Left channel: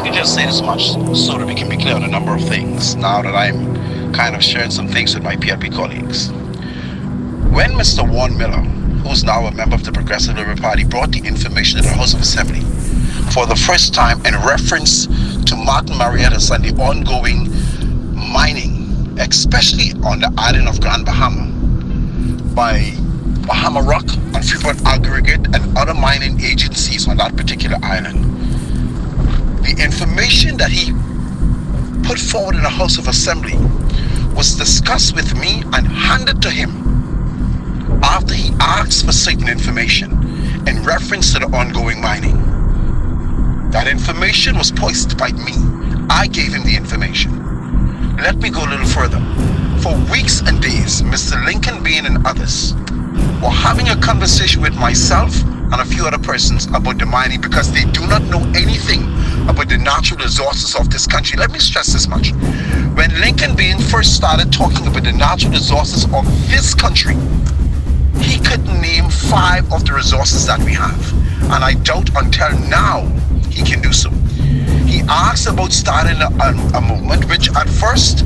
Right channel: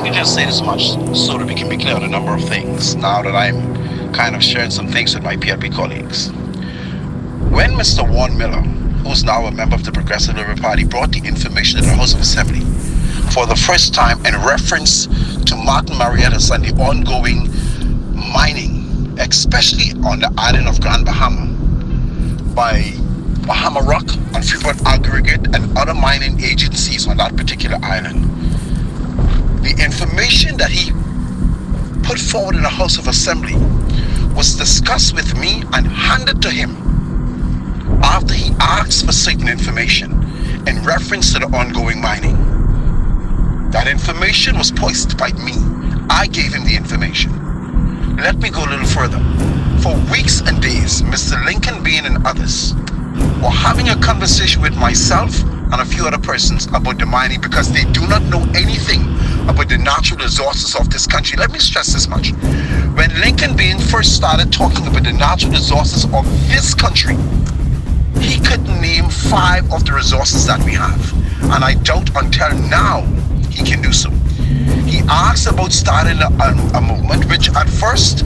let me just say this much so that we can be clear on a number of things now that I'm kind of sharing some things with my PLP colleagues. When Mr. Warren Miller, who's now a member of the Progressive Liberal Party, brought the information to the House of Assembly for the first time in reference to Martin Marietta's and the ongoing mining, especially on the island of Grand Bahama, by Bahama Rock and Freeport Aggregate and other mining agencies on that particular island. The information that he put forward in the House of Assembly was discussed with me and handed to him after he asked for certain information in reference to the ongoing mining. That information was posted by me. I gave him the information. Let me go a little further. For weeks and days, Mr. Lincoln Bean and others were having a conversation with myself and a few other persons about the mining because they do not know anything about the natural resources of this country. Let me stress this much. When Lincoln Bean first started talking about the natural resources of this country, he couldn't name 5 of the resources that we have. And I doubt until now he can do so. He asked about starting a movement, which at first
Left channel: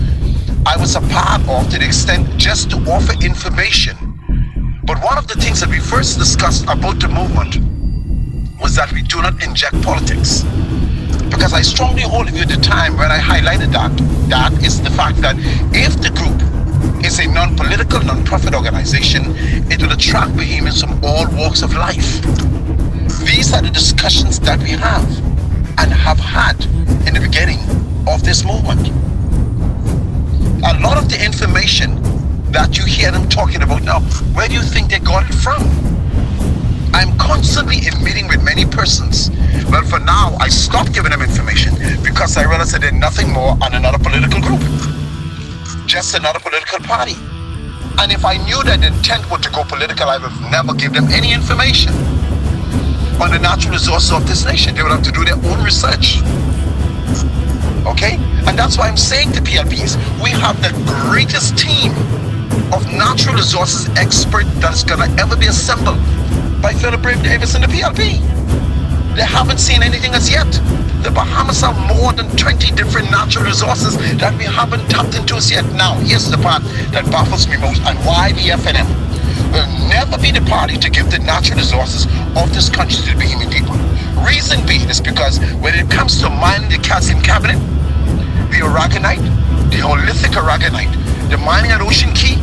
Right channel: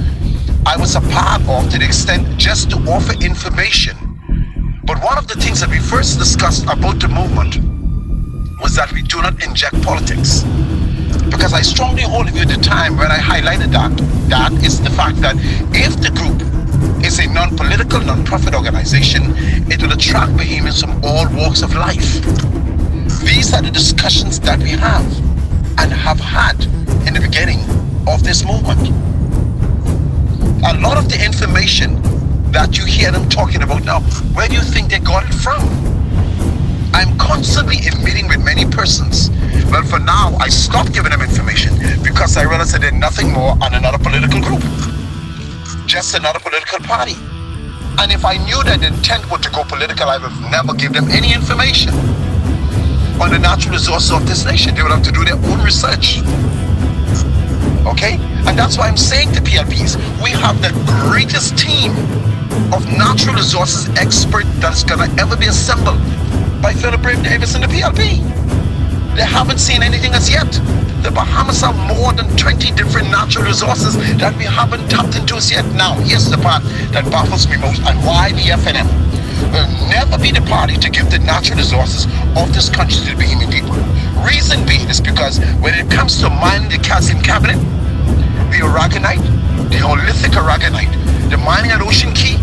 I was a part of to the extent just to offer information. But one of the things that we first discussed about the movement was that we do not inject politics. Because I strongly hold of you at the time when I highlighted that is the fact that if the group is a non-political, non-profit organization, it will attract Bahamians from all walks of life. These are the discussions that we have and have had in the beginning of this movement. A lot of the information that you hear them talking about now, where do you think they got it from? I'm constantly in meeting with many persons. Well, for now, I stopped giving them information because I realized that they're nothing more than another political group. Just another political party. And if I knew that the intent was to go political, I would never give them any information on the natural resources of this nation. They would have to do their own research. Okay? And that's why I'm saying to PLPs, we have the greatest team of natural resources expert that's gonna ever be assembled by Philip Brave Davis and the PLP. They haven't seen anything as yet. The Bahamas have more than 20 different natural resources that we haven't tapped into as yet. Now, here's the part that baffles me most, and why the FNM will never be the party to give the natural resources of this country to the Bahamian people. Reason being is because when it comes to mining the calcium carbonate, the aragonite, the Holithic aragonite, the mining at Ocean Key,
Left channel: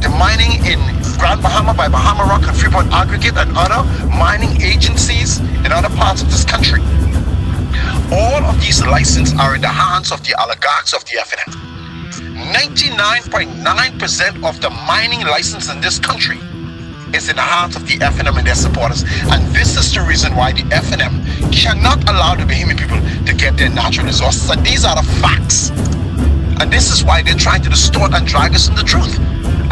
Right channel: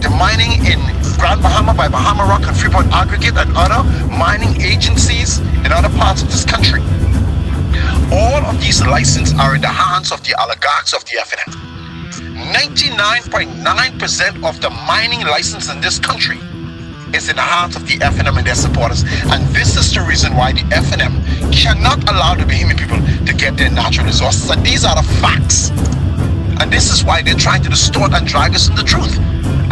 the mining in Grand Bahama by Bahama Rock and Freeport Aggregate and other mining agencies in other parts of this country. All of these licenses are in the hands of the oligarchs of the FNM. 99.9% of the mining license in this country is in the hands of the FNM and their supporters. And this is the reason why the FNM cannot allow the Bahamian people to get their natural resources. And these are the facts. And this is why they're trying to distort and drag us from the truth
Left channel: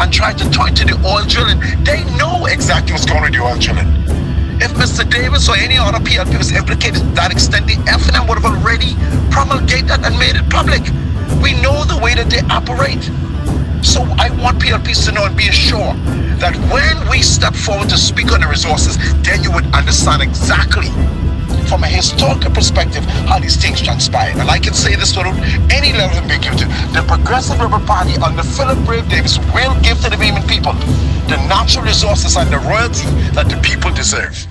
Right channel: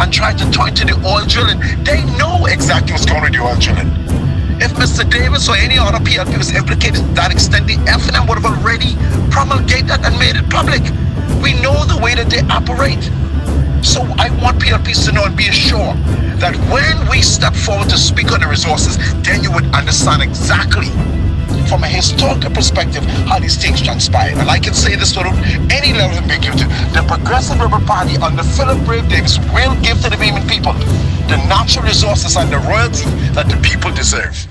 and try to point to the oil drilling. They know exactly what's going on with the oil drilling. If Mr. Davis or any other PLP was implicated to that extent, the FNM would have already promulgated that and made it public. We know the way that they operate. So I want PLPs to know and be assured that when we step forward to speak on the resources, then you would understand exactly from a historical perspective how these things transpired. And I can say this without any level of ambiguity. The Progressive Liberal Party under Philip Brave Davis will give to the Bahamian people the natural resources and the royalty that the people deserve.